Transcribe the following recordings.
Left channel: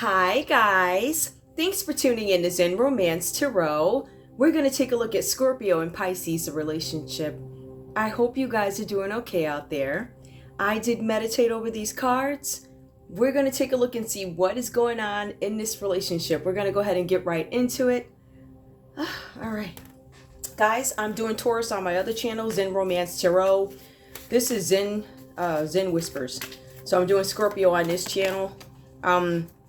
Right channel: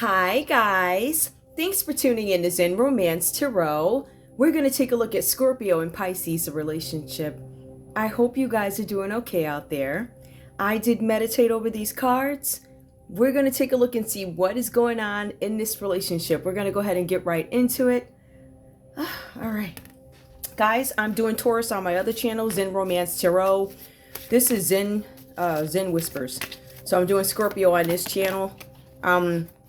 Hi guys, thanks for tuning in to Zen Romance Tarot. We're going to take a look at Scorpio and Pisces relationship. I hope you guys are doing okay out there. I did meditate over these cards. We're going to take a look and see what is going on in this relationship. We're going to go ahead and get right into it. All right. Guys, I'm doing Taurus on my other channel, Zen Romance Tarot. This is Zen Whispers. So I'm doing Scorpio on this channel.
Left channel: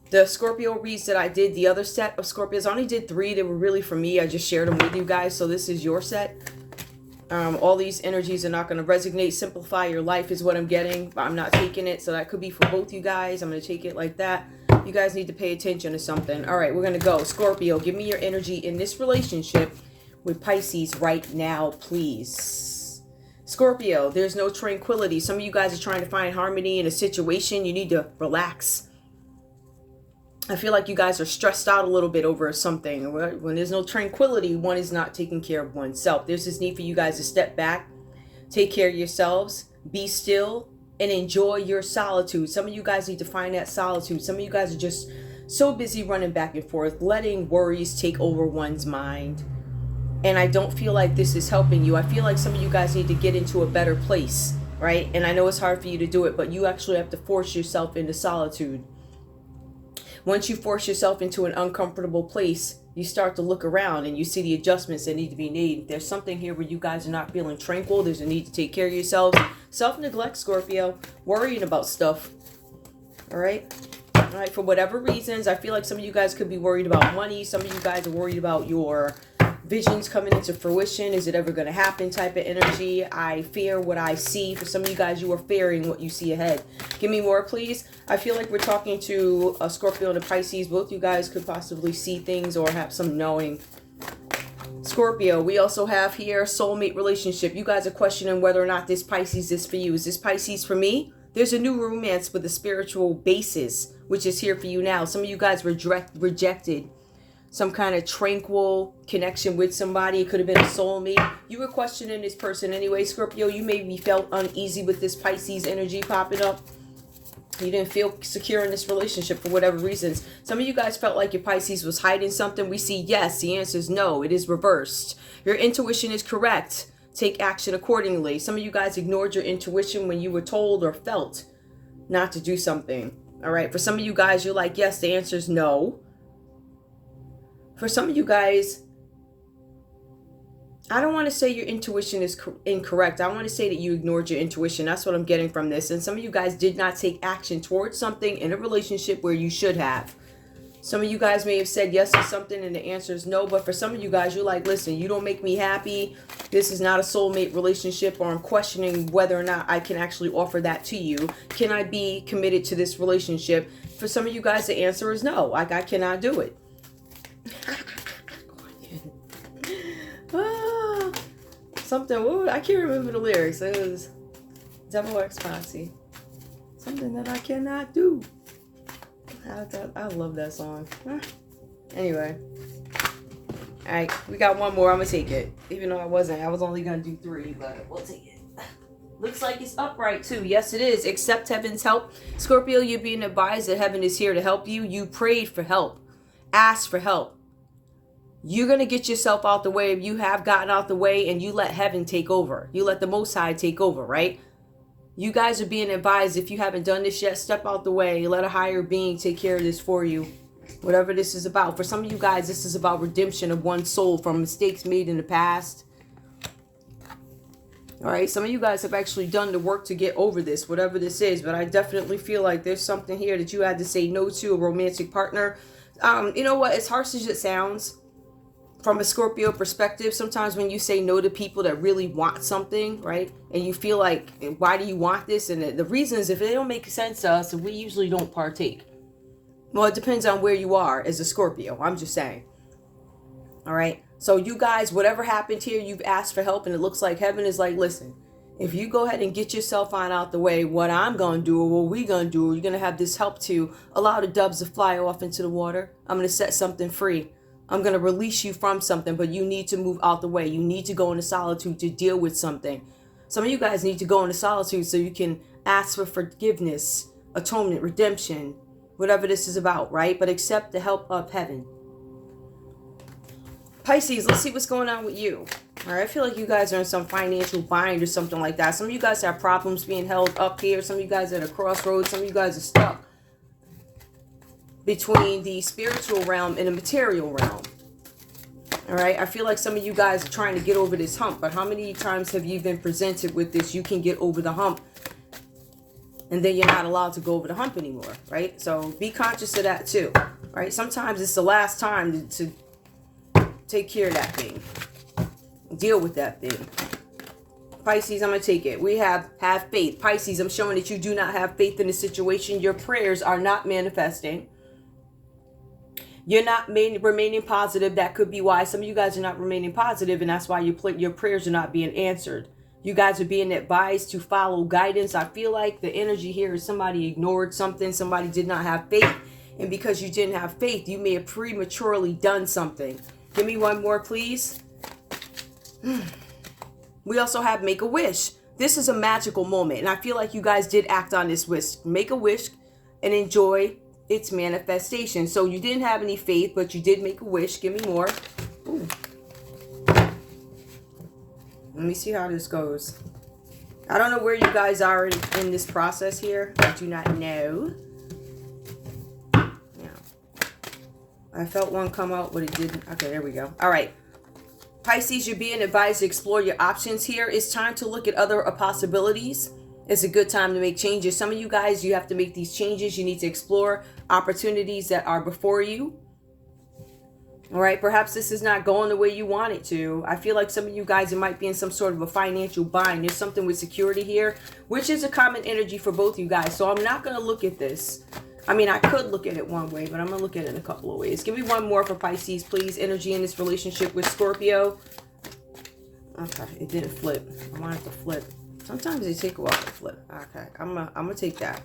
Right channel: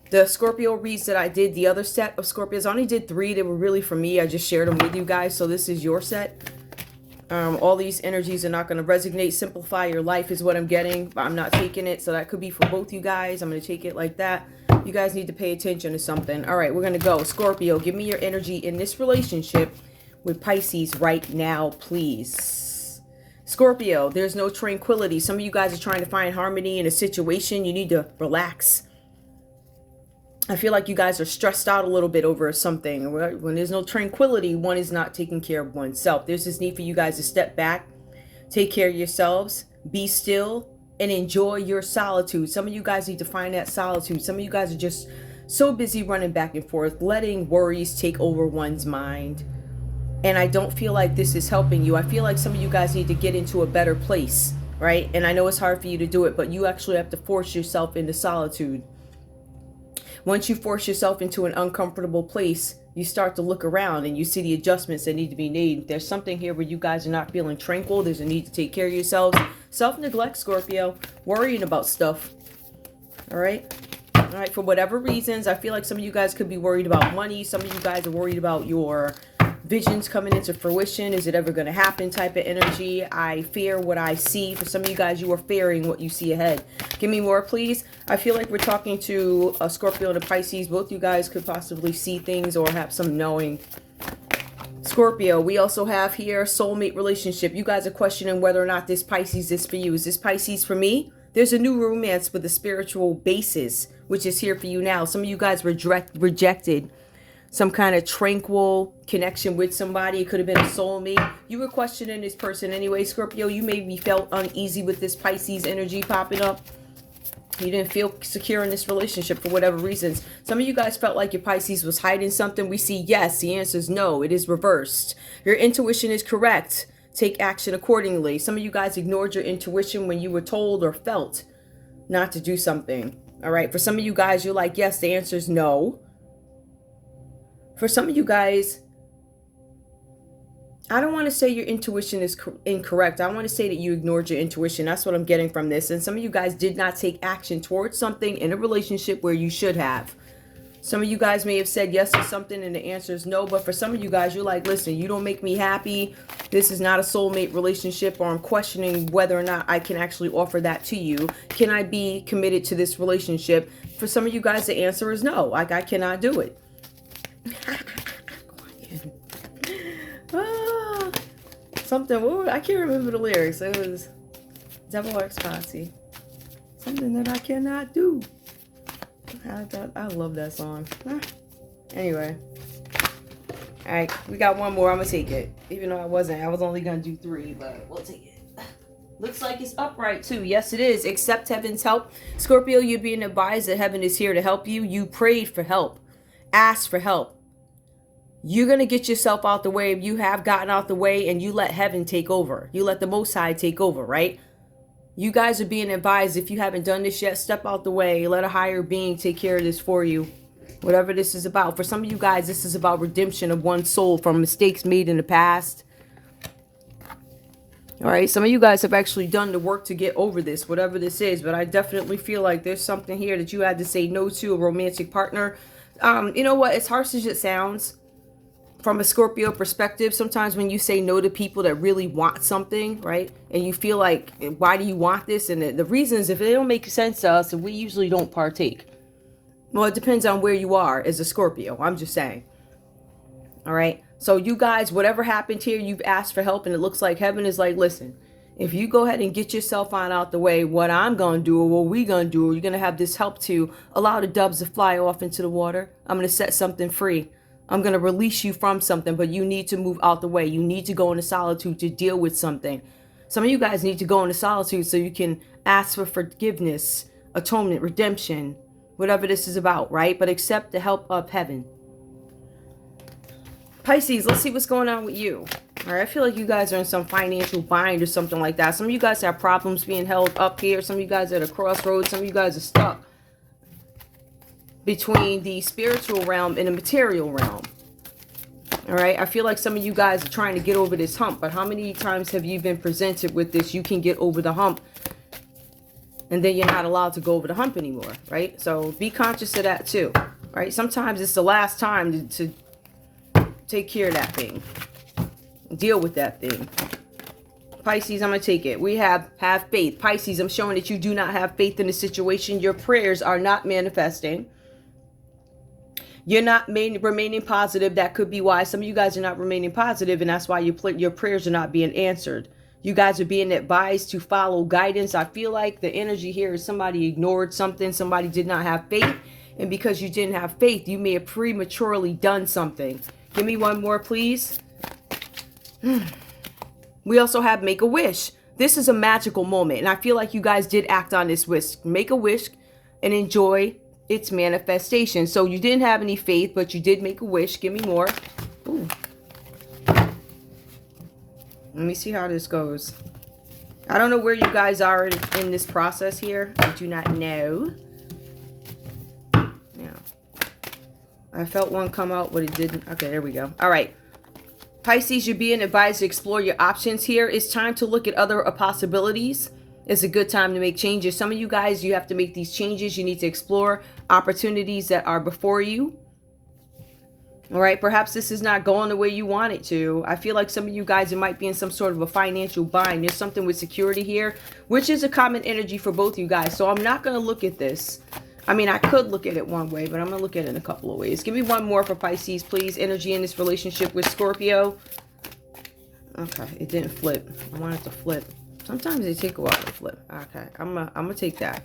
The Scorpio reads that I did, the other set of Scorpios, I only did 3. They were really for me. I just shared them with you guys. So this is your set. All these energies are not going to resonate. Simplify your life is what I'm getting. But I'm not taking it. So that could be for both you guys. I'm going to take it like that. You guys need to pay attention to something. All right, we're going to go. Scorpio, give me your energy in this relationship with Pisces right now, please. Scorpio, there's no tranquility. Some of you guys are trying to find harmony in a situation. You need to relax. I feel like you guys are stressed out a little bit over something. When there's no tranquility, one is not taking care of oneself. There's this need for you guys to step back, take care of yourselves, be still, and enjoy your solitude. Some of you guys need to find that solitude. Some of you guys are just so busy running back and forth, letting worries take over one's mind. And I don't feel like this is helping you. I feel like some of you guys need to get into a better place, right? And I know it's hard for you to do it, but you actually have to force yourself into solitude. Once you force yourself into an uncomfortable place, you start to look around and you see the adjustments that need to be made. There's something here where you guys are not feeling tranquil. There's a need to take care of yourselves. Self-neglect, Scorpio. Worrying about stuff. All right? All right, for whatever reasons, I feel like some of you guys could be worried about money. Some of you guys are worried about your visions coming into fruition. Is it ever going to happen type of energy? I fear what I see. For some of you guys, you are fearing what you see ahead. Give me more, please. I feel like we're talking to a Scorpio and a Pisces. Both you guys could possibly see things or have some knowing. Scorpio, we also have here soulmate relationship. You guys are questioning whether or not this Pisces is for you. Is this Pisces for me? There's a new romance with a spiritual basis, which is here for you now. Some of you guys rejected some kind of tranquil connection with somebody. It could have been a soulmate. You were questioning this person anyway, Scorpio. You maybe felt uneasy with this Pisces energy popping up. You didn't feel secure in this relationship for whatever reasons. Some of you guys felt like your Pisces was hiding something. We see yes. The answer is no. It is reversed. Your intuition is correct. Take action accordingly. Some of you guys ignored your intuition when you were told or felt not to do something. All right. For some of you guys, you're like, yes, the answer is no. For some of you guys, I don't want to say your intuition is incorrect. I want to say that you ignored your intuition. That's what I'm getting from this. And some of you guys did not take action towards something in a relationship where you should have. Some of you guys may have said yes to something and the answer is no. But for some of you guys, you're like, listen, you don't make me happy. This is not a soulmate relationship, or I'm questioning whether or not I can actually offer that to you. Can I be committed to this relationship? For some of you guys, the answer is no. Like, I cannot do it. Something, I can't remember the lyrics. It was Devil X Posse. Something that I cannot do. I love that song. Anyway. Alright, we got one more. I'm going to take it. Even though I was only going to do 3, but we'll take it. Looks like it's upright too. Yes, it is. Accept heaven's help. Scorpio, you're being advised that heaven is here to help you. You prayed for help. Ask for help. You're going to get yourself out the way. If you have gotten out the way and you let heaven take over. You let the Most High take over, right? You guys are being advised, if you haven't done this yet, step out the way. Let a higher being take care of this for you. Whatever this is about. For some of you guys, this is about redemption of one's soul from mistakes made in the past. All right, some of you guys have actually done the work to get over this, whatever this is. But I definitely feel like there's something here that you had to say no to, a romantic partner. You know what? As harsh as it sounds, from a Scorpio perspective, sometimes when you say no to people that really want something, right? And you feel like, why do you want this? And the reasons, if they don't make sense to us, we usually don't partake. Well, it depends on where you are as a Scorpio. I'm just saying. All right. So you guys, whatever happened here, you've asked for help. And it looks like heaven is like, listen, if you go ahead and get yourself on out the way, what I'm going to do or what we're going to do, you're going to have this help to allow the doves to fly off into the water. I'm going to set something free. I'm going to release you from something, but you need to move out the way. You need to go into solitude to deal with something. Some of you guys need to go into solitude so you can ask for forgiveness, atonement, redemption, whatever this is about, right? But accept the help of heaven. Pisces, let's see what's going on with you. All right, I feel like you guys are in some financial bind or something like that. Some of you guys have problems being held up here. Some of you guys are at a crossroads. Some of you guys are stuck between the spiritual realm and the material realm. All right, I feel like some of you guys are trying to get over this hump, but how many times have you been presented with this? You can get over the hump, and then you're not allowed to go over the hump anymore, right? So be conscious of that too, right? Sometimes it's the last time to take care of that thing. Deal with that thing. Pisces, I'm going to take it. We have faith. Pisces, I'm showing that you do not have faith in the situation. Your prayers are not manifesting. You're not remaining positive. That could be why some of you guys are not remaining positive, and that's why your prayers are not being answered. You guys are being advised to follow guidance. I feel like the energy here is somebody ignored something. Somebody did not have faith, and because you didn't have faith, you may have prematurely done something. Give me one more, please. We also have make a wish. This is a magical moment, and I feel like you guys did act on this wish. Make a wish and enjoy its manifestation. So you didn't have any faith, but you did make a wish. Give me more. Ooh. Let me see how this goes. I don't know where you guys are in this process here. I do not know. Yeah. I felt one come out, but it didn't. Okay, there we go. All right. Pisces, you're being advised to explore your options here. It's time to look at other possibilities. It's a good time to make changes. Some of you guys, you have to make these changes. You need to explore opportunities that are before you. All right, perhaps this is not going the way you want it to. I feel like some of you guys, it might be in some sort of a financial bind. There's something with security here, which is a common energy for both you guys. So I'm not going to look at this. I mean, I could look at it one way, but I'm going to look at it in a couple of ways. Give me one more for Pisces, please. Energy in this relationship with Scorpio. Okay, it didn't flip. I want it to flip. Sometimes they take a while to flip. Okay, I'm gonna take that.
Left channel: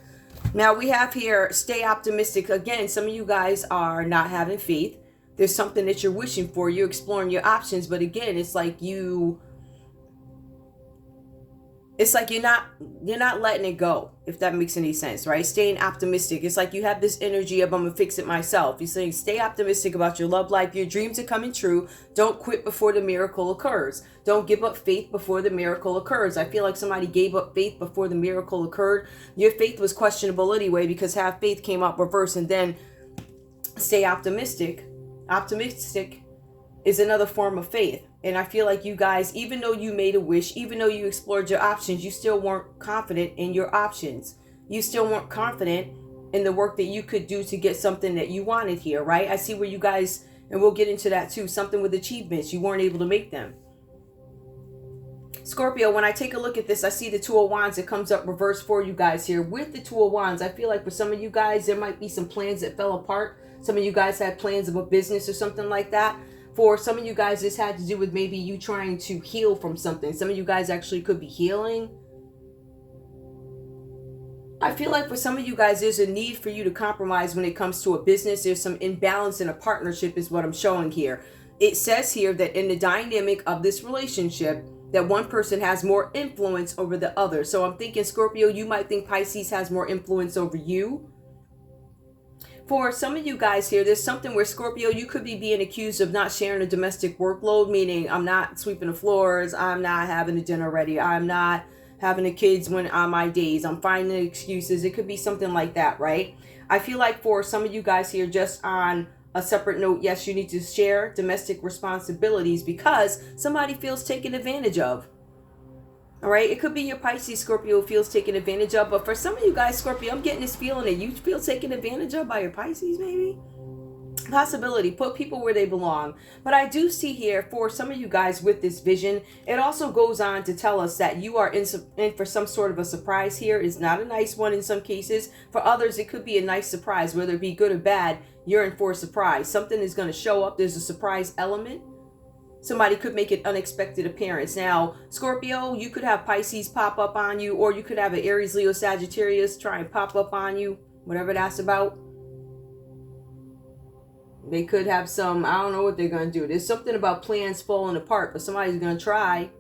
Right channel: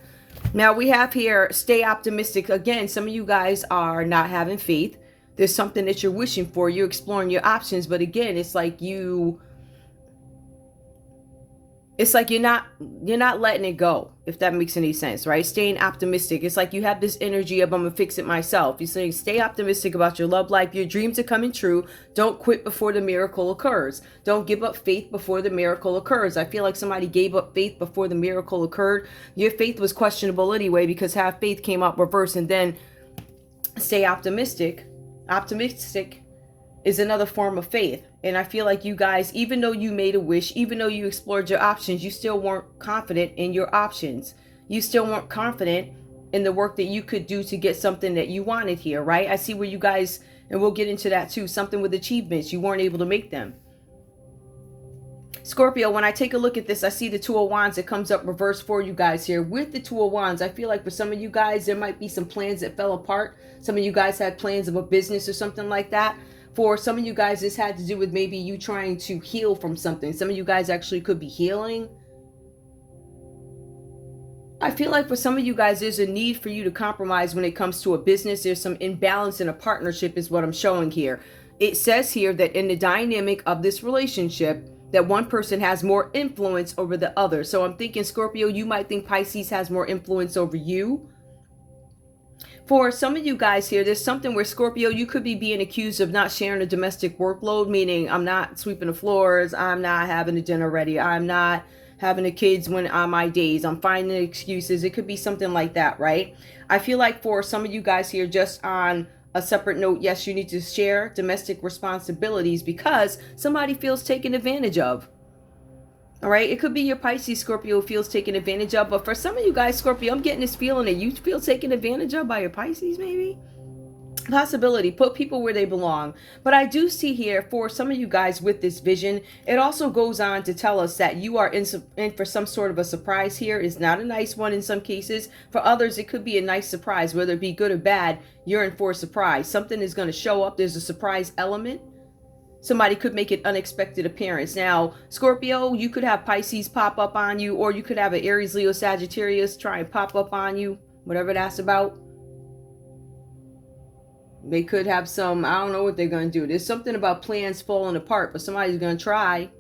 Now we have here, stay optimistic. Again, some of you guys are not having faith. There's something that you're wishing for. You're exploring your options, but again, it's like you're not letting it go, if that makes any sense, right? Staying optimistic. It's like you have this energy of, I'm gonna fix it myself. You're saying stay optimistic about your love life. Your dreams are coming true. Don't quit before the miracle occurs. Don't give up faith before the miracle occurs. I feel like somebody gave up faith before the miracle occurred. Your faith was questionable anyway, because have faith came up reverse, and then stay optimistic. Optimistic is another form of faith. And I feel like you guys, even though you made a wish, even though you explored your options, you still weren't confident in your options. You still weren't confident in the work that you could do to get something that you wanted here, right? I see where you guys, and we'll get into that too, something with achievements. You weren't able to make them. Scorpio, when I take a look at this, I see the Two of Wands. It comes up reverse for you guys here. With the Two of Wands, I feel like for some of you guys, there might be some plans that fell apart. Some of you guys had plans of a business or something like that. For some of you guys, this had to do with maybe you trying to heal from something. Some of you guys actually could be healing. I feel like for some of you guys, there's a need for you to compromise when it comes to a business. There's some imbalance in a partnership is what I'm showing here. It says here that in the dynamic of this relationship, that one person has more influence over the other. So I'm thinking, Scorpio, you might think Pisces has more influence over you. For some of you guys here, there's something where Scorpio, you could be being accused of not sharing a domestic workload, meaning I'm not sweeping the floors, I'm not having the dinner ready, I'm not having the kids when on my days, I'm finding excuses. It could be something like that, right? I feel like for some of you guys here, just on a separate note, yes, you need to share domestic responsibilities because somebody feels taken advantage of. All right, it could be your Pisces, Scorpio, feels taken advantage of. But for some of you guys, Scorpio, I'm getting this feeling that you feel taken advantage of by your Pisces, maybe. Possibility, put people where they belong. But I do see here for some of you guys with this vision, it also goes on to tell us that you are in for some sort of a surprise here. It's not a nice one in some cases. For others, it could be a nice surprise, whether it be good or bad. You're in for a surprise. Something is going to show up. There's a surprise element. Somebody could make an unexpected appearance. Now, Scorpio, you could have Pisces pop up on you, or you could have an Aries, Leo, Sagittarius try and pop up on you, whatever that's about. They could have some, I don't know what they're going to do. There's something about plans falling apart, but somebody's going to try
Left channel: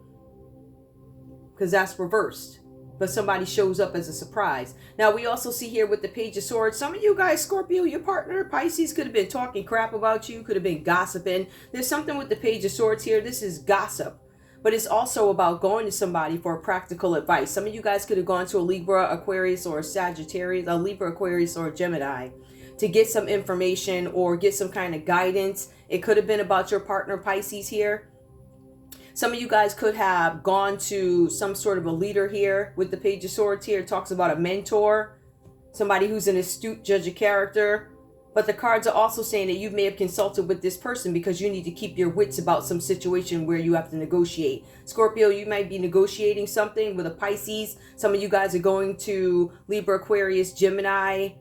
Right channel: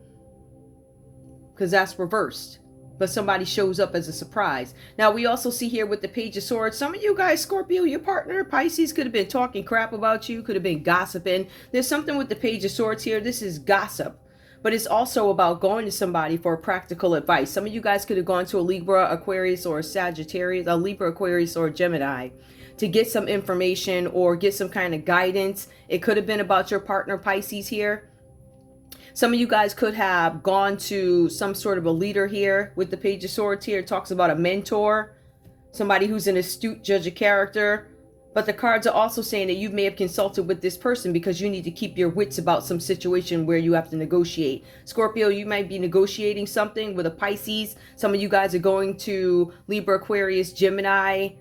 because that's reversed. but somebody shows up as a surprise. Now, we also see here with the Page of Swords, some of you guys, Scorpio, your partner, Pisces, could have been talking crap about you, could have been gossiping. There's something with the Page of Swords here. This is gossip, but it's also about going to somebody for practical advice. Some of you guys could have gone to a Libra, Aquarius, or a Sagittarius, a Libra, Aquarius, or a Gemini to get some information or get some kind of guidance. It could have been about your partner, Pisces, here. Some of you guys could have gone to some sort of a leader here with the Page of Swords here. It talks about a mentor, somebody who's an astute judge of character. But the cards are also saying that you may have consulted with this person because you need to keep your wits about some situation where you have to negotiate. Scorpio, you might be negotiating something with a Pisces. Some of you guys are going to Libra, Aquarius, Gemini,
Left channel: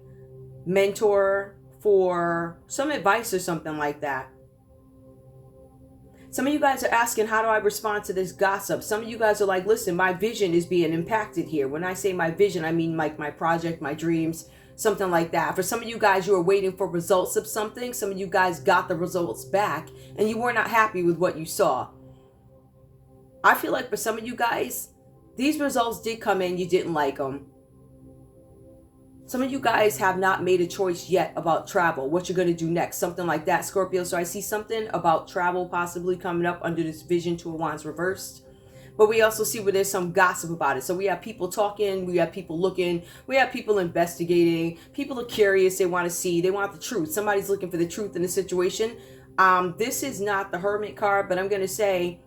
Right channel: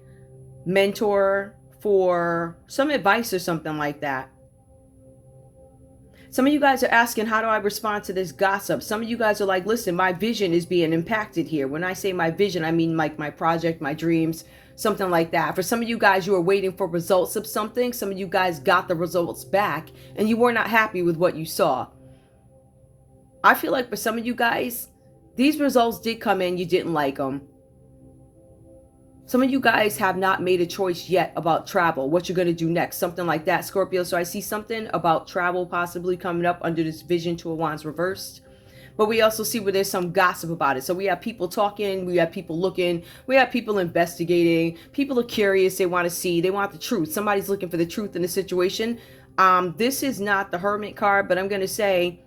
mentor for some advice or something like that. Some of you guys are asking, how do I respond to this gossip? Some of you guys are like, listen, my vision is being impacted here. When I say my vision, I mean like my project, my dreams, something like that. For some of you guys, you are waiting for results of something. Some of you guys got the results back and you were not happy with what you saw. I feel like for some of you guys, these results did come in, you didn't like them. Some of you guys have not made a choice yet about travel, what you're going to do next, something like that, Scorpio. So I see something about travel possibly coming up under this Vision, Two of Wands reversed. But we also see where there's some gossip about it. So we have people talking, we have people looking, we have people investigating. People are curious, they want to see, they want the truth. Somebody's looking for the truth in the situation. This is not the Hermit card, but I'm going to say...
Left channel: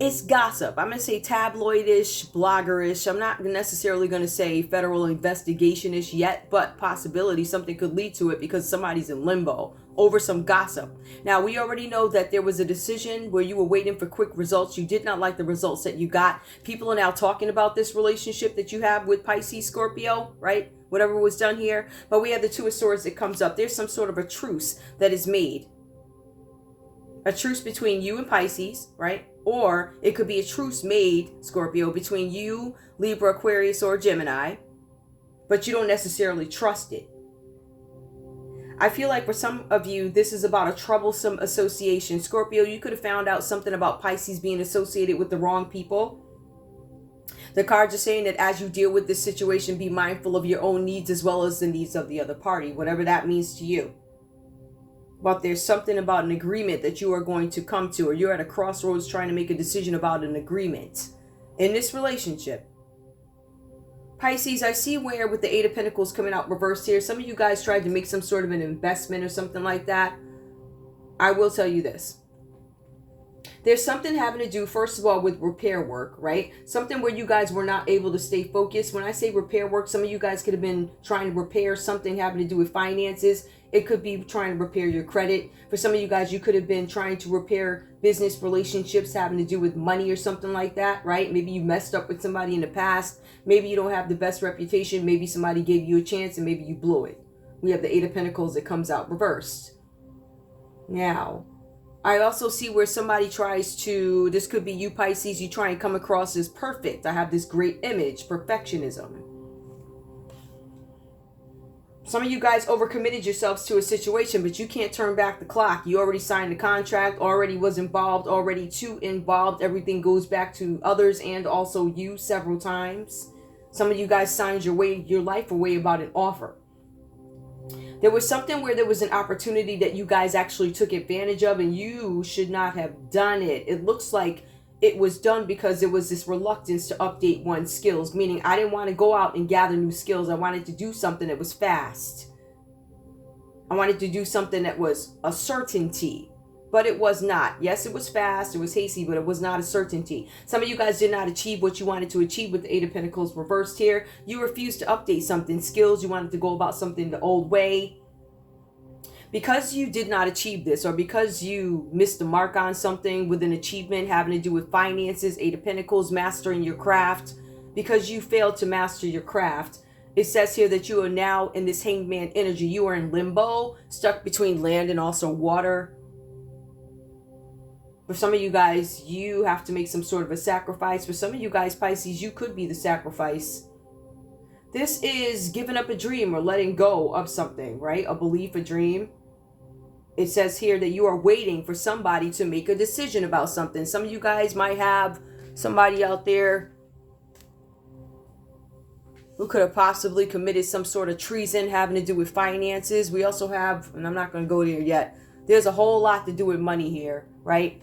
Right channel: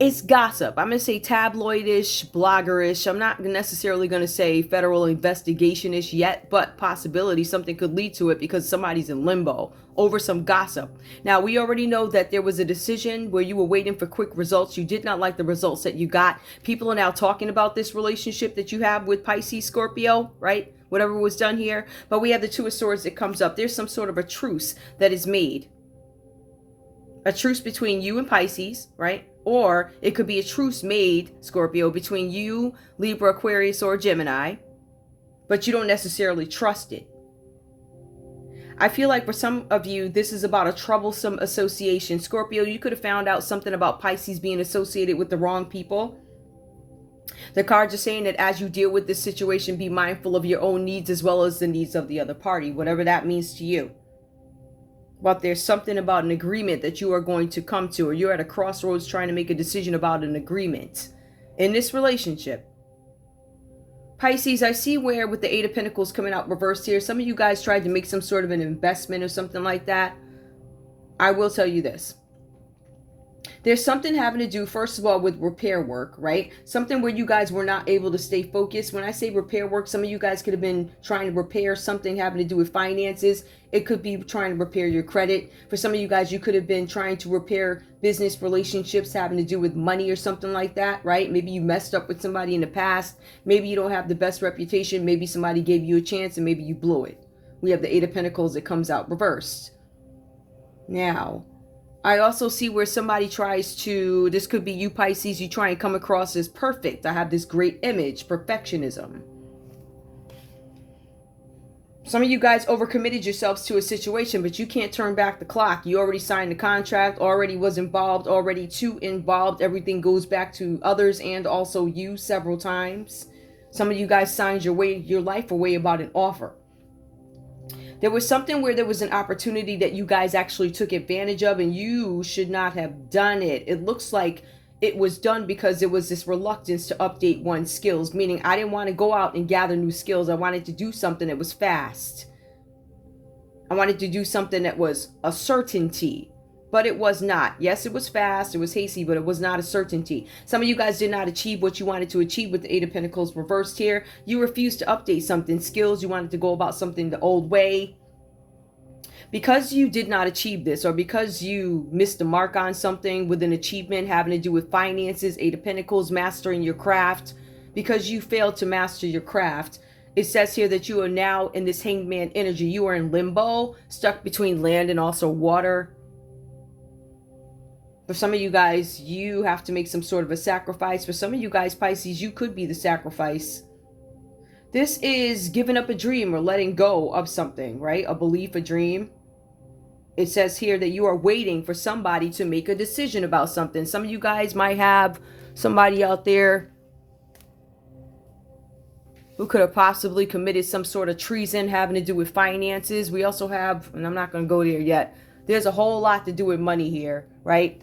it's gossip. I'm going to say tabloidish, bloggerish. I'm not necessarily going to say federal investigation-ish yet, but possibility something could lead to it because somebody's in limbo over some gossip. Now, we already know that there was a decision where you were waiting for quick results. You did not like the results that you got. People are now talking about this relationship that you have with Pisces, Scorpio, right? Whatever was done here. But we have the Two of Swords that comes up. There's some sort of a truce that is made. A truce between you and Pisces, right? Or it could be a truce made, Scorpio, between you, Libra, Aquarius, or Gemini, but you don't necessarily trust it. I feel like for some of you, this is about a troublesome association. Scorpio, you could have found out something about Pisces being associated with the wrong people. The cards are saying that as you deal with this situation, be mindful of your own needs as well as the needs of the other party, whatever that means to you. But there's something about an agreement that you are going to come to, or you're at a crossroads trying to make a decision about an agreement in this relationship. Pisces, I see where with the Eight of Pentacles coming out reversed here, some of you guys tried to make some sort of an investment or something like that. I will tell you this. There's something having to do, first of all, with repair work, right? Something where you guys were not able to stay focused. When I say repair work, some of you guys could have been trying to repair something having to do with finances. It could be trying to repair your credit. For some of you guys, you could have been trying to repair business relationships having to do with money or something like that, right? Maybe you messed up with somebody in the past. Maybe you don't have the best reputation. Maybe somebody gave you a chance and maybe you blew it. We have the Eight of Pentacles that comes out reversed. Now, I also see where somebody tries to, this could be you, Pisces, you try and come across as perfect. I have this great image, perfectionism. Some of you guys overcommitted yourselves to a situation, but you can't turn back the clock. You already signed the contract, already was involved, already too involved. Everything goes back to others and also you several times. Some of you guys signed your life away about an offer. There was something where there was an opportunity that you guys actually took advantage of and you should not have done it. It looks like it was done because there was this reluctance to update one's skills, meaning I didn't want to go out and gather new skills. I wanted to do something that was fast. I wanted to do something that was a certainty, but it was not. Yes, it was fast, it was hasty, but it was not a certainty. Some of you guys did not achieve what you wanted to achieve with the Eight of Pentacles reversed here. You refused to update something, skills. You wanted to go about something the old way. Because you did not achieve this, or because you missed the mark on something with an achievement having to do with finances, Eight of Pentacles, mastering your craft, because you failed to master your craft, it says here that you are now in this hangman energy. You are in limbo, stuck between land and also water. For some of you guys, you have to make some sort of a sacrifice. For some of you guys, Pisces, you could be the sacrifice. This is giving up a dream or letting go of something, right? A belief, a dream. It says here that you are waiting for somebody to make a decision about something. Some of you guys might have somebody out there who could have possibly committed some sort of treason having to do with finances. We also have, and I'm not going to go there yet, there's a whole lot to do with money here, right?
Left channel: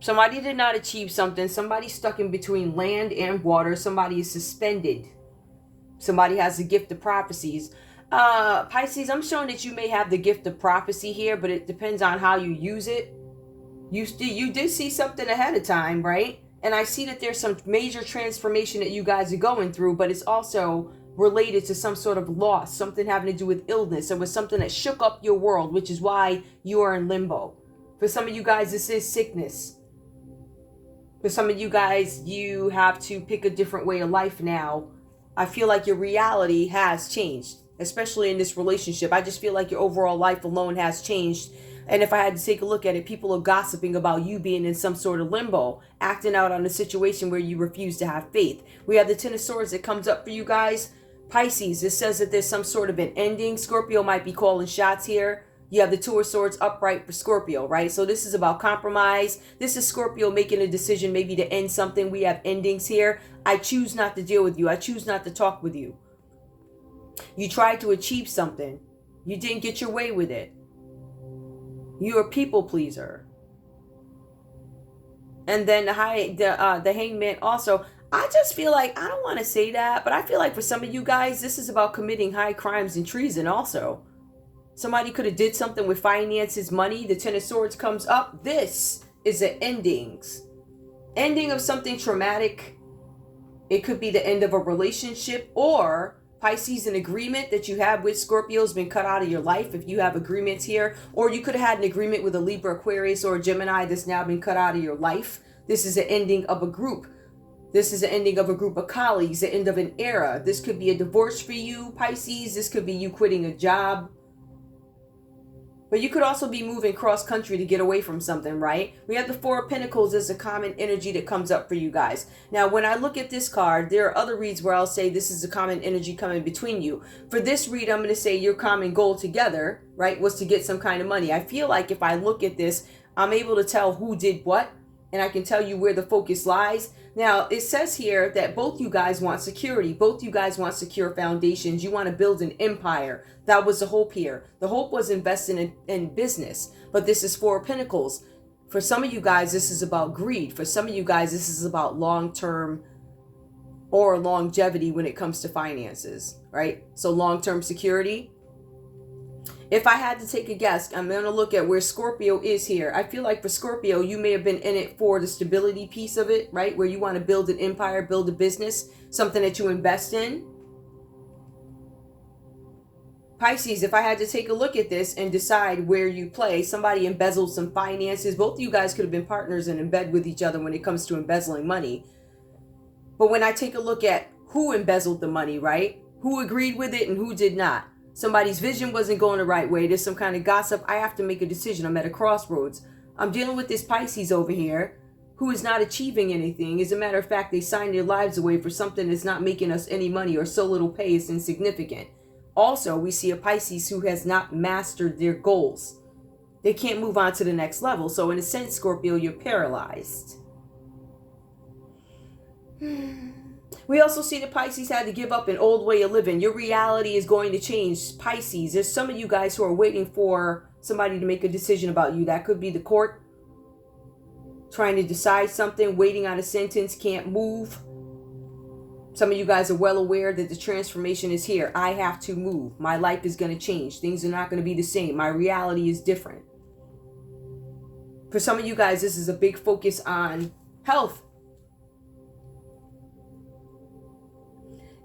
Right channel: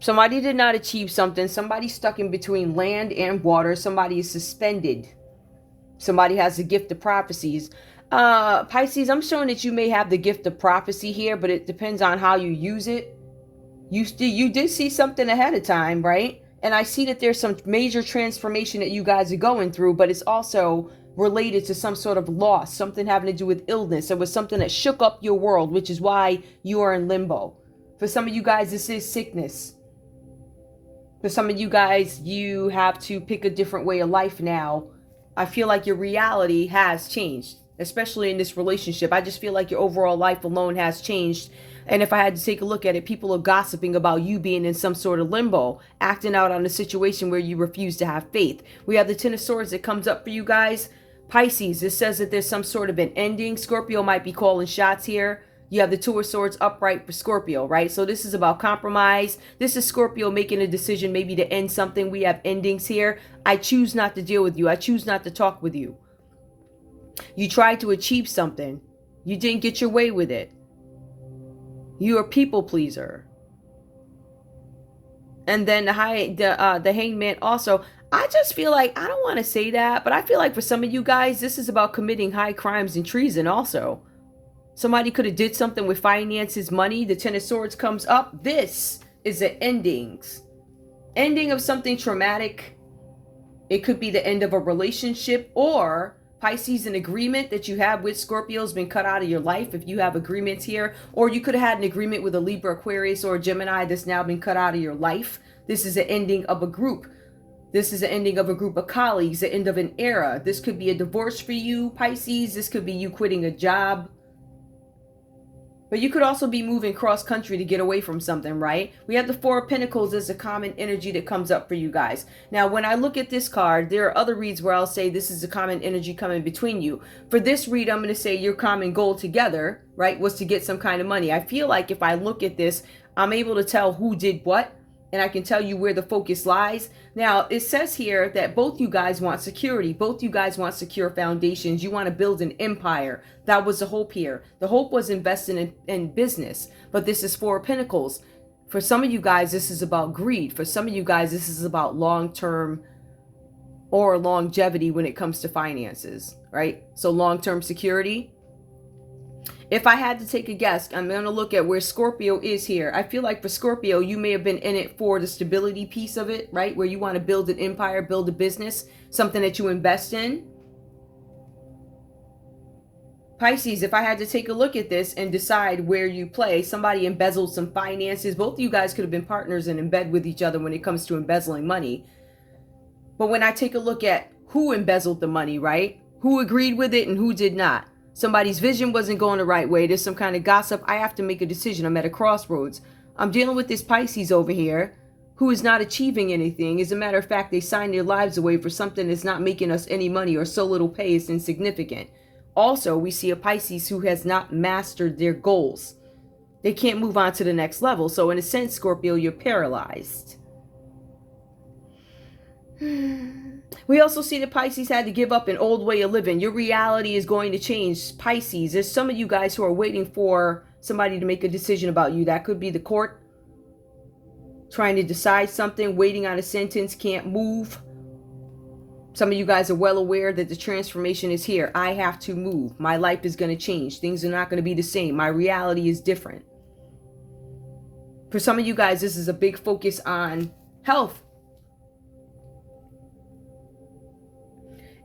Somebody did not achieve something. Somebody stuck in between land and water. Somebody is suspended. Somebody has the gift of prophecies. Pisces, I'm showing that you may have the gift of prophecy here, but it depends on how you use it. You did see something ahead of time, right? And I see that there's some major transformation that you guys are going through, but it's also related to some sort of loss, something having to do with illness. It was something that shook up your world, which is why you are in limbo. For some of you guys, this is sickness. For some of you guys, you have to pick a different way of life now. I feel like your reality has changed, especially in this relationship. I just feel like your overall life alone has changed. And if I had to take a look at it, people are gossiping about you being in some sort of limbo, acting out on a situation where you refuse to have faith. We have the Ten of Swords that comes up for you guys. Pisces, it says that there's some sort of an ending. Scorpio might be calling shots here. You have the Two of Swords upright for Scorpio, right? So this is about compromise. This is Scorpio making a decision maybe to end something. We have endings here. I choose not to deal with you. I choose not to talk with you. You tried to achieve something. You didn't get your way with it. You're a people pleaser. And then the Hangman also. I just feel like, I don't want to say that, but I feel like for some of you guys, this is about committing high crimes and treason also. Somebody could have did something with finances, money. The Ten of Swords comes up. This is the endings. Ending of something traumatic. It could be the end of a relationship, or Pisces, an agreement that you have with Scorpio has been cut out of your life if you have agreements here. Or you could have had an agreement with a Libra, Aquarius, or a Gemini that's now been cut out of your life. This is the ending of a group. This is the ending of a group of colleagues, the end of an era. This could be a divorce for you, Pisces. This could be you quitting a job. But you could also be moving cross country to get away from something, right? We have the Four of Pentacles as a common energy that comes up for you guys. Now, when I look at this card, there are other reads where I'll say this is a common energy coming between you. For this read, I'm going to say your common goal together, right, was to get some kind of money. I feel like if I look at this, I'm able to tell who did what, and I can tell you where the focus lies. Now, it says here that both you guys want security. Both you guys want secure foundations. You want to build an empire. That was the hope here. The hope was investing in business. But this is Four of Pentacles. For some of you guys, this is about greed. For some of you guys, this is about long-term or longevity when it comes to finances, right? So long-term security. If I had to take a guess, I'm going to look at where Scorpio is here. I feel like for Scorpio, you may have been in it for the stability piece of it, right? Where you want to build an empire, build a business, something that you invest in. Pisces, if I had to take a look at this and decide where you play, somebody embezzled some finances. Both of you guys could have been partners and in bed with each other when it comes to embezzling money. But when I take a look at who embezzled the money, right? Who agreed with it and who did not? Somebody's vision wasn't going the right way. There's some kind of gossip. I have to make a decision. I'm at a crossroads. I'm dealing with this Pisces over here who is not achieving anything. As a matter of fact, they signed their lives away for something that's not making us any money, or so little pay is insignificant. Also, we see a Pisces who has not mastered their goals. They can't move on to the next level. So in a sense, Scorpio, you're paralyzed. We also see that Pisces had to give up an old way of living. Your reality is going to change, Pisces. There's some of you guys who are waiting for somebody to make a decision about you. That could be the court, trying to decide something, waiting on a sentence, can't move. Some of you guys are well aware that the transformation is here. I have to move. My life is going to change. Things are not going to be the same. My reality is different. For some of you guys, this is a big focus on health.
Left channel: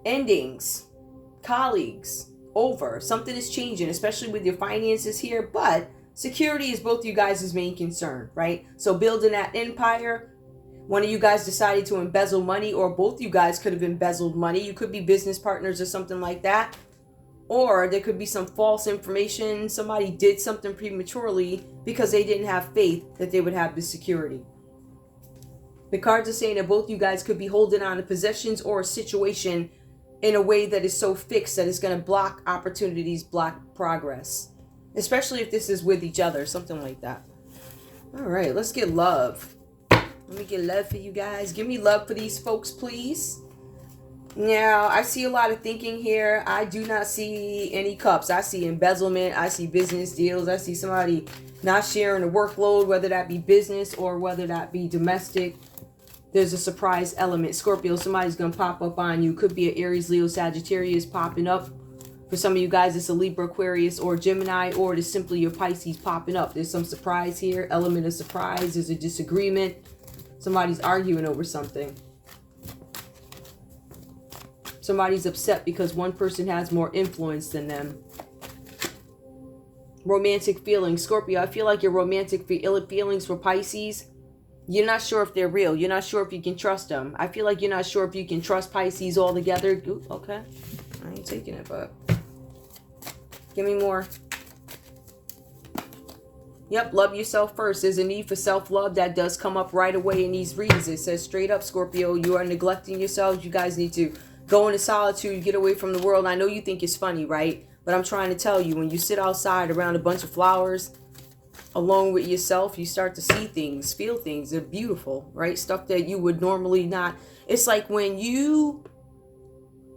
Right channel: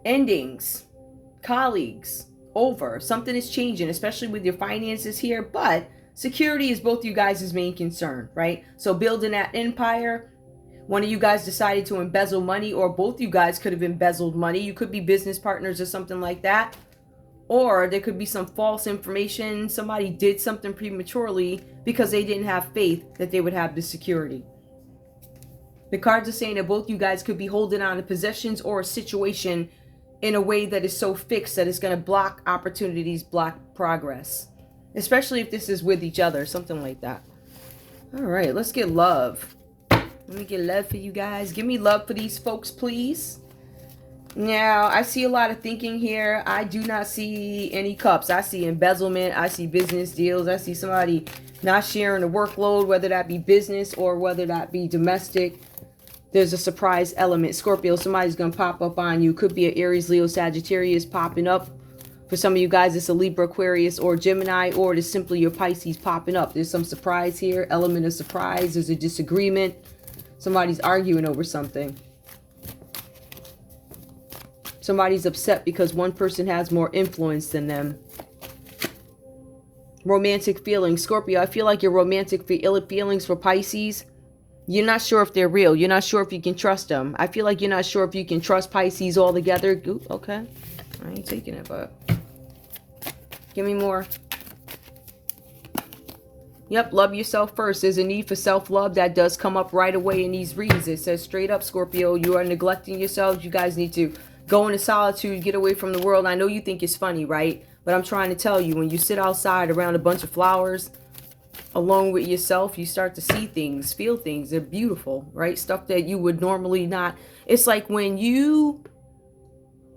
Endings, colleagues, over. Something is changing, especially with your finances here. But security is both you guys' main concern, right? So building that empire. One of you guys decided to embezzle money, or both you guys could have embezzled money. You could be business partners or something like that. Or there could be some false information. Somebody did something prematurely because they didn't have faith that they would have the security. The cards are saying that both you guys could be holding on to possessions or a situation in a way that is so fixed that it's going to block opportunities, block progress. Especially if this is with each other, something like that. All right, let's get love. Let me get love for you guys. Give me love for these folks, please. Now, I see a lot of thinking here. I do not see any cups. I see embezzlement. I see business deals. I see somebody not sharing the workload, whether that be business or whether that be domestic. There's a surprise element. Scorpio, somebody's going to pop up on you. Could be an Aries, Leo, Sagittarius popping up. For some of you guys, it's a Libra, Aquarius, or Gemini, or it is simply your Pisces popping up. There's some surprise here. Element of surprise. There's a disagreement. Somebody's arguing over something. Somebody's upset because one person has more influence than them. Romantic feelings. Scorpio, I feel like your romantic feelings for Pisces, you're not sure if they're real. You're not sure if you can trust them. I feel like you're not sure if you can trust Pisces altogether. Ooh, okay. I ain't taking it, but give me more. Yep, love yourself first. There's a need for self-love that does come up right away in these reads. It says straight up, Scorpio, you are neglecting yourselves. You guys need to go into solitude, get away from the world. I know you think it's funny, right? But I'm trying to tell you, when you sit outside around a bunch of flowers, alone with yourself, you start to see things, feel things. They're beautiful, right? Stuff that you would normally not. It's like when you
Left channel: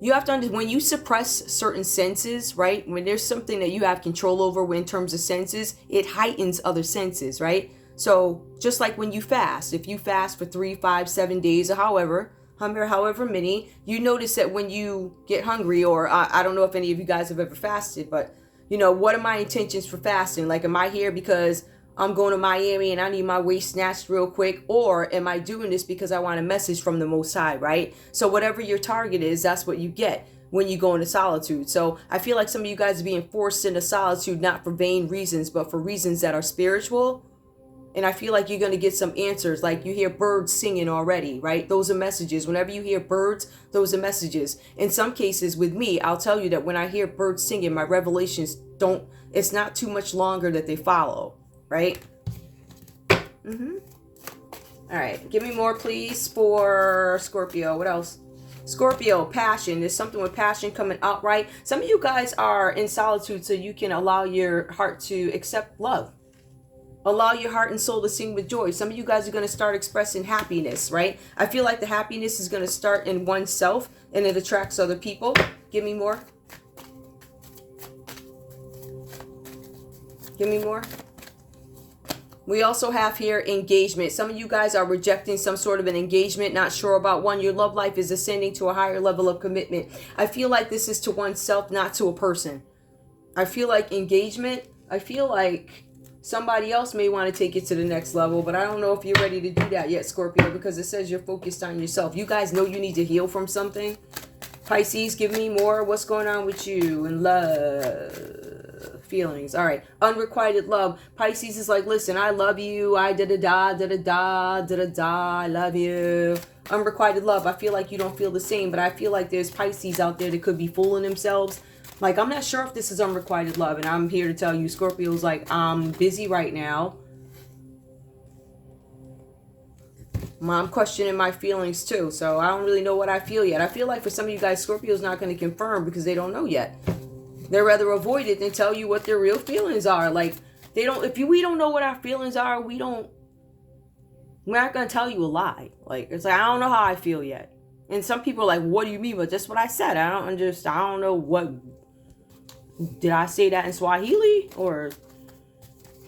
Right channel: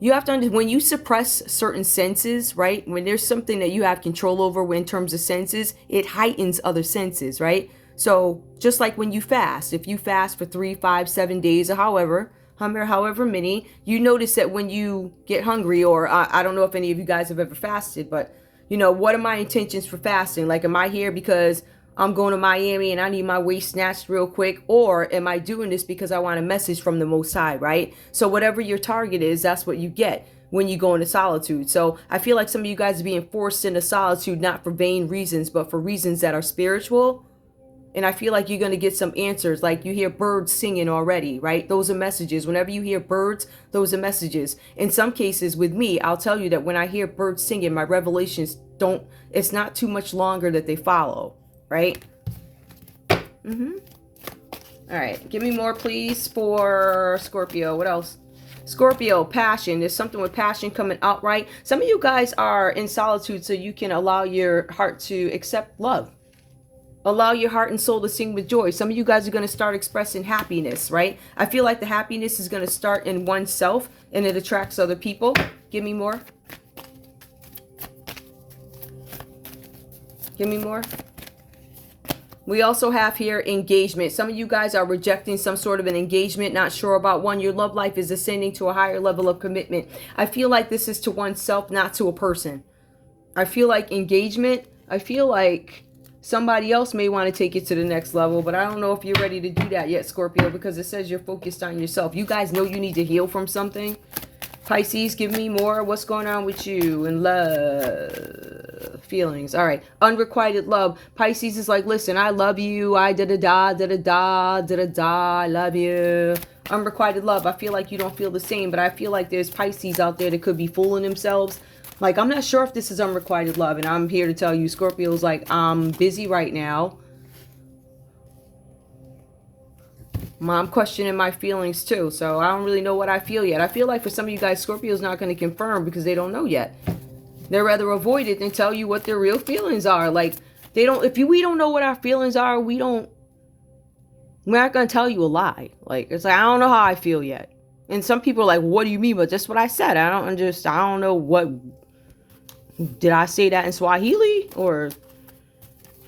have to understand, when you suppress certain senses, right? When there's something that you have control over in terms of senses, it heightens other senses, right? So just like when you fast, if you fast for 3, 5, 7 days or however many, you notice that when you get hungry, or I don't know if any of you guys have ever fasted, but you know, what are my intentions for fasting? Like, am I here because I'm going to Miami and I need my waist snatched real quick? Or am I doing this because I want a message from the Most High, right? So whatever your target is, that's what you get when you go into solitude. So I feel like some of you guys are being forced into solitude, not for vain reasons, but for reasons that are spiritual. And I feel like you're going to get some answers. Like you hear birds singing already, right? Those are messages. Whenever you hear birds, those are messages. In some cases with me, I'll tell you that when I hear birds singing, my revelations it's not too much longer that they follow, right? All right. Give me more, please, for Scorpio. What else? Scorpio, passion. There's something with passion coming out, right? Some of you guys are in solitude so you can allow your heart to accept love. Allow your heart and soul to sing with joy. Some of you guys are going to start expressing happiness, right? I feel like the happiness is going to start in oneself and it attracts other people. Give me more. Give me more. We also have here engagement. Some of you guys are rejecting some sort of an engagement, not sure about one. Your love life is ascending to a higher level of commitment. I feel like this is to oneself, not to a person. I feel like engagement, I feel like somebody else may want to take it to the next level, but I don't know if you're ready to do that yet, Scorpio, because it says you're focused on yourself. You guys know you need to heal from something. Pisces, give me more. What's going on with you in love? Feelings. All right. Unrequited love. Pisces is like, listen, I love you. I da-da-da, da-da-da, da-da-da. I love you. Unrequited love. I feel like you don't feel the same, but I feel like there's Pisces out there that could be fooling themselves. Like, I'm not sure if this is unrequited love, and I'm here to tell you, Scorpio's like, I'm busy right now. I'm questioning my feelings too, so I don't really know what I feel yet. I feel like for some of you guys, Scorpio's not going to confirm because they don't know yet. They'd rather avoid it than tell you what their real feelings are. Like, we don't know what our feelings are, we're not going to tell you a lie. Like, it's like, I don't know how I feel yet. And some people are like, what do you mean? But that's what I said. I don't know what. Did I say that in Swahili? Or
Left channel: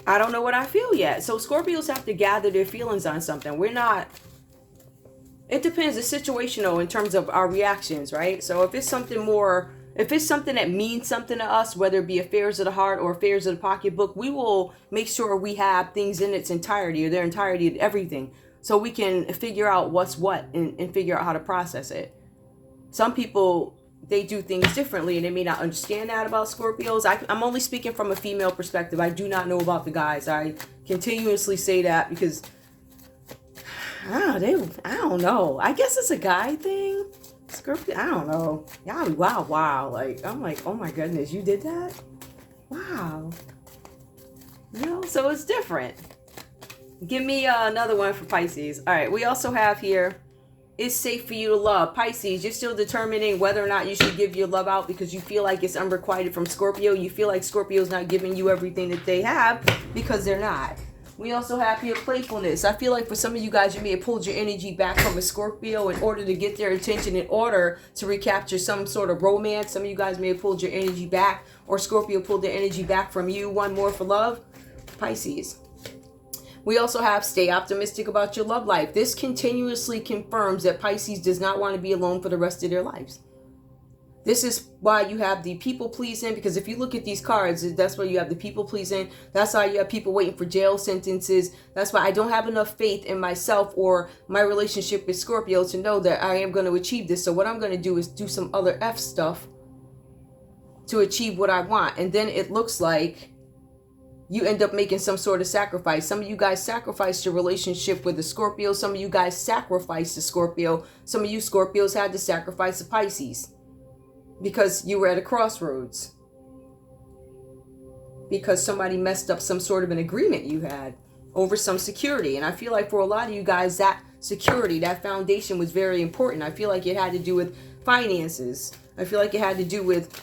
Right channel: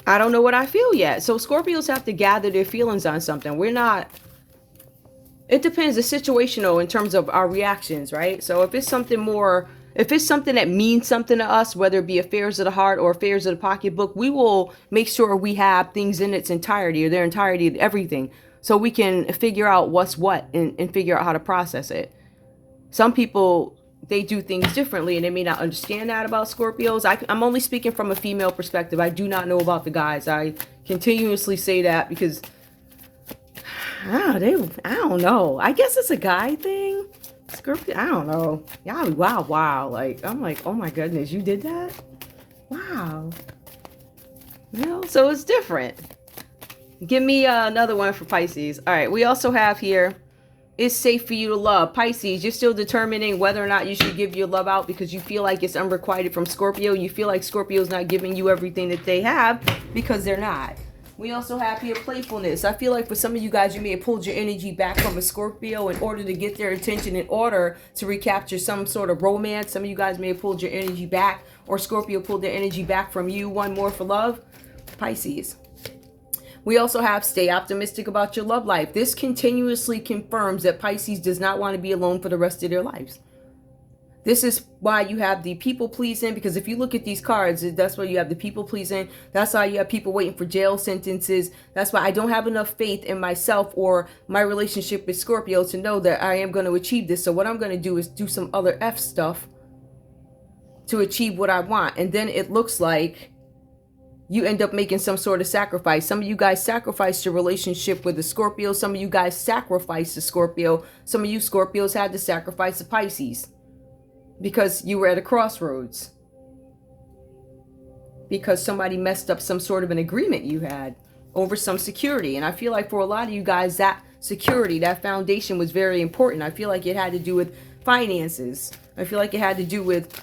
I don't know what I feel yet. So Scorpios have to gather their feelings on something. It depends the situational in terms of our reactions, right? So if it's something that means something to us, whether it be affairs of the heart or affairs of the pocketbook, we will make sure we have things in its entirety or their entirety, everything. So we can figure out what's what and figure out how to process it. Some people, they do things differently and they may not understand that about Scorpios. I'm only speaking from a female perspective. I do not know about the guys. I continuously say that because I don't know. I guess it's a guy thing. Scorpio, I don't know. Yeah, wow. Like, I'm like, oh my goodness, you did that? Wow. You know, so it's different. Give me another one for Pisces. All right, we also have here it's safe for you to love. Pisces, you're still determining whether or not you should give your love out because you feel like it's unrequited from Scorpio. You feel like Scorpio's not giving you everything that they have because they're not. We also have here playfulness. I feel like for some of you guys, you may have pulled your energy back from a Scorpio in order to get their attention, in order to recapture some sort of romance. Some of you guys may have pulled your energy back, or Scorpio pulled their energy back from you. One more for love. Pisces. We also have stay optimistic about your love life. This continuously confirms that Pisces does not want to be alone for the rest of their lives. This is why you have the people pleasing, because if you look at these cards, that's why you have the people pleasing. That's why you have people waiting for jail sentences. That's why I don't have enough faith in myself or my relationship with Scorpio to know that I am going to achieve this. So what I'm going to do is do some other F stuff to achieve what I want. And then it looks like you end up making some sort of sacrifice. Some of you guys sacrificed your relationship with the Scorpio. Some of you guys sacrificed the Scorpio. Some of you Scorpios had to sacrifice the Pisces because you were at a crossroads. Because somebody messed up some sort of an agreement you had over some security. And I feel like for a lot of you guys, that security, that foundation was very important. I feel like it had to do with finances. I feel like it had to do with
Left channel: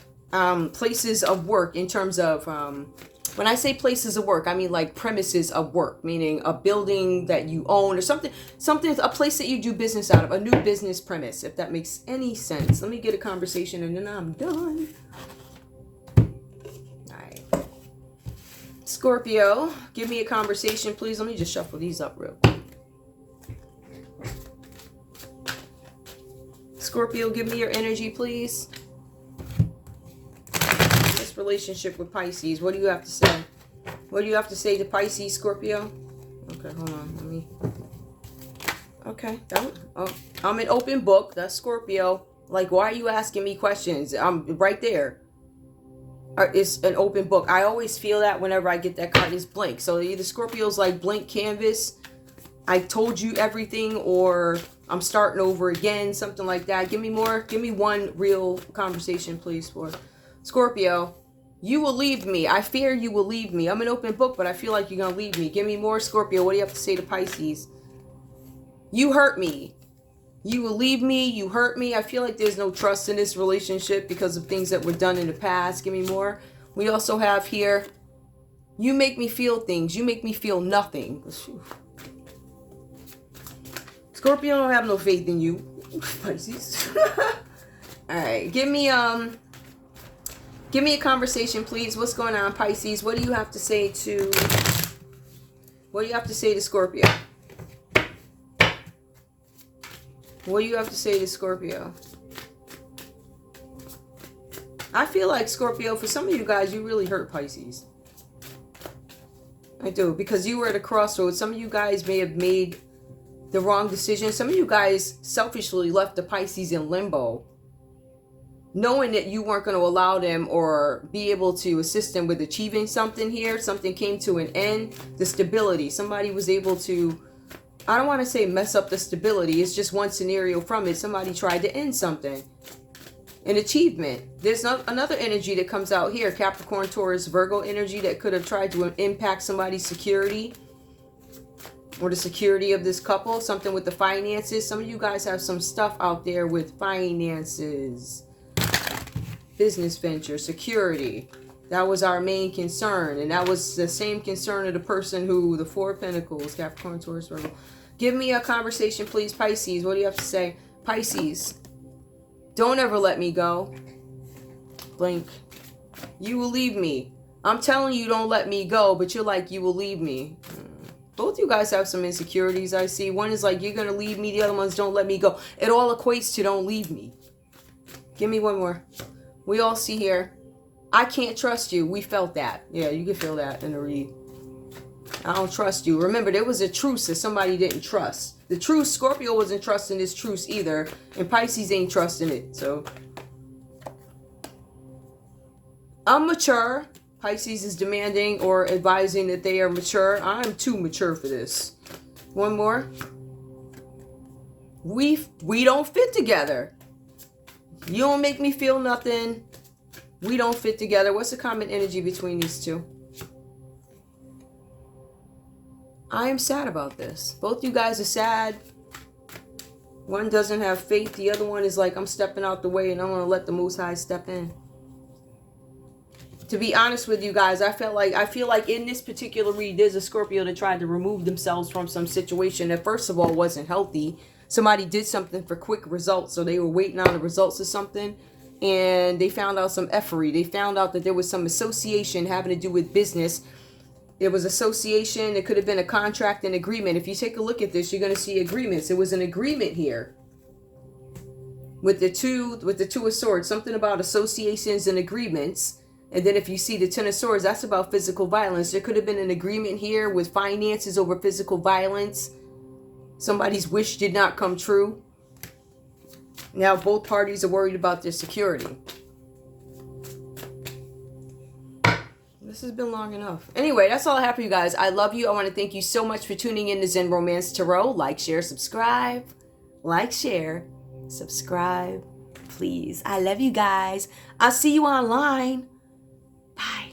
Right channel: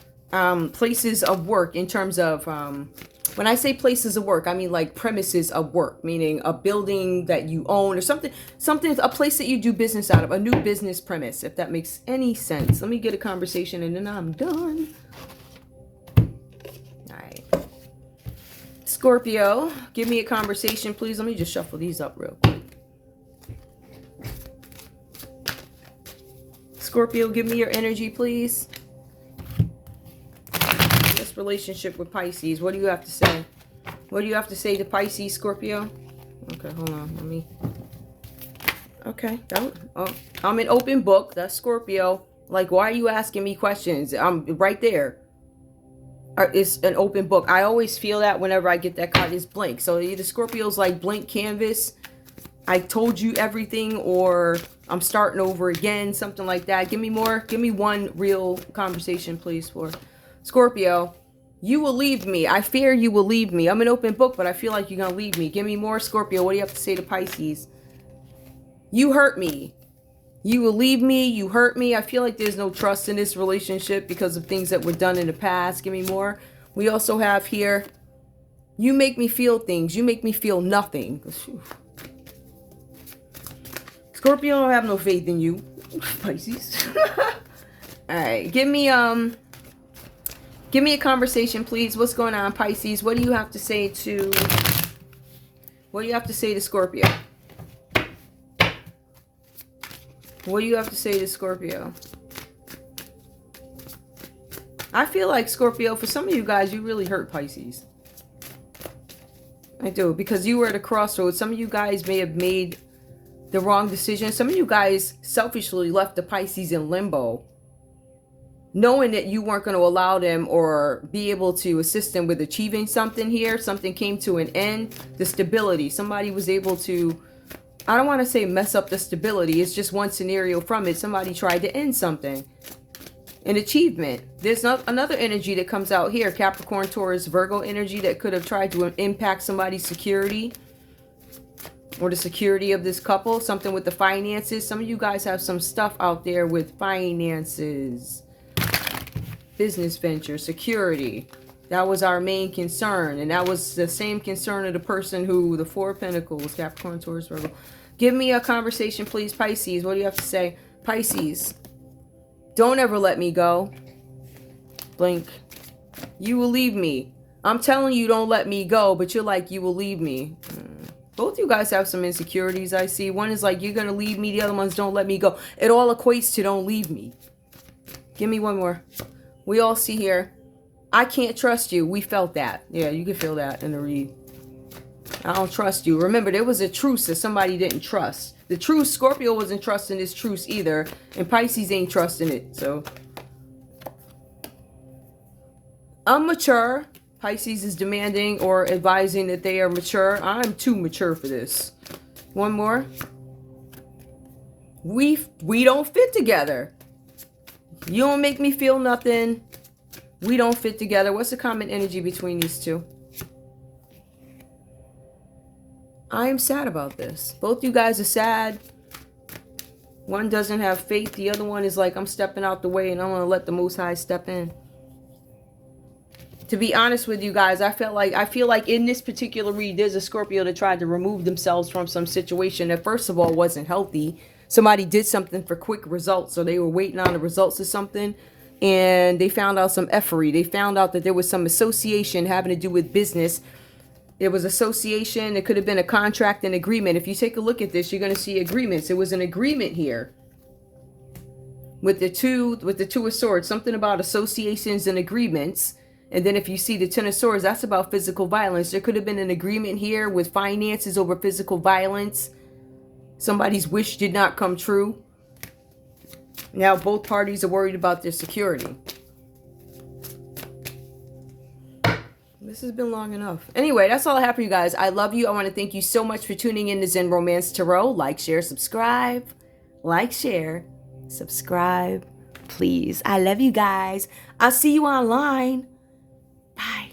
places of work in terms of... when I say places of work, I mean like premises of work, meaning a building that you own or something, a place that you do business out of, a new business premise, if that makes any sense. Let me get a conversation and then I'm done. All right. Scorpio, give me a conversation, please. Let me just shuffle these up real quick. Scorpio, give me your energy, please. Relationship with Pisces. What do you have to say? What do you have to say to Pisces, Scorpio? Okay, hold on. Let me... Okay. I'm an open book. That's Scorpio. Like, why are you asking me questions? I'm right there. It's an open book. I always feel that whenever I get that card, it's blank. So either Scorpio's like blank canvas, I told you everything, or I'm starting over again, something like that. Give me more. Give me one real conversation, please, for Scorpio. You will leave me. I fear you will leave me. I'm an open book, but I feel like you're going to leave me. Give me more, Scorpio. What do you have to say to Pisces? You hurt me. You will leave me. You hurt me. I feel like there's no trust in this relationship because of things that were done in the past. Give me more. We also have here, you make me feel things. You make me feel nothing. Scorpio, I don't have no faith in you. Pisces. All right. Give me a conversation, please. What's going on, Pisces? What do you have to say to... What do you have to say to Scorpio? What do you have to say to Scorpio? I feel like, Scorpio, for some of you guys, you really hurt Pisces. I do, because you were at a crossroads. Some of you guys may have made the wrong decision. Some of you guys selfishly left the Pisces in limbo, knowing that you weren't going to allow them or be able to assist them with achieving something here. Something came to an end. The stability. Somebody was able to, I don't want to say mess up the stability. It's just one scenario from it. Somebody tried to end something. An achievement. There's another energy that comes out here. Capricorn, Taurus, Virgo energy that could have tried to impact somebody's security or the security of this couple. Something with the finances. Some of you guys have some stuff out there with finances. Business venture, security. That was our main concern. And that was the same concern of the person who, the Four of Pentacles, Capricorn, Taurus, Virgo. Give me a conversation, please, Pisces. What do you have to say? Pisces, don't ever let me go. Blink. You will leave me. I'm telling you, don't let me go, but you're like, you will leave me. Both you guys have some insecurities, I see. One is like, you're going to leave me. The other one's, don't let me go. It all equates to don't leave me. Give me one more. We all see here, I can't trust you. We felt that. Yeah, you can feel that in the read. I don't trust you. Remember, there was a truce that somebody didn't trust. The truce, Scorpio wasn't trusting this truce either. And Pisces ain't trusting it. So, I'm mature. Pisces is demanding or advising that they are mature. I'm too mature for this. One more. We don't fit together. You don't make me feel nothing. We don't fit together. What's the common energy between these two? I am sad about this. Both you guys are sad. One doesn't have faith. The other one is like, I'm stepping out the way and I'm going to let the Most High step in. To be honest with you guys, I feel like in this particular read, there's a Scorpio that tried to remove themselves from some situation that first of all wasn't healthy. Somebody did something for quick results, so they were waiting on the results of something, and they found out some effery. They found out that there was some association having to do with business. It was association. It could have been a contract and agreement. If you take a look at this, you're going to see agreements. It was an agreement here with the two of Swords, something about associations and agreements. And then if you see the Ten of Swords, that's about physical violence. There could have been an agreement here with finances over physical violence. Somebody's wish did not come true. Now both parties are worried about their security. This has been long enough. Anyway, that's all I have for you guys. I love you. I want to thank you so much for tuning in to Zen Romance Tarot. Like, share, subscribe. Like, share, subscribe, please. I love you guys. I'll see you online. Bye.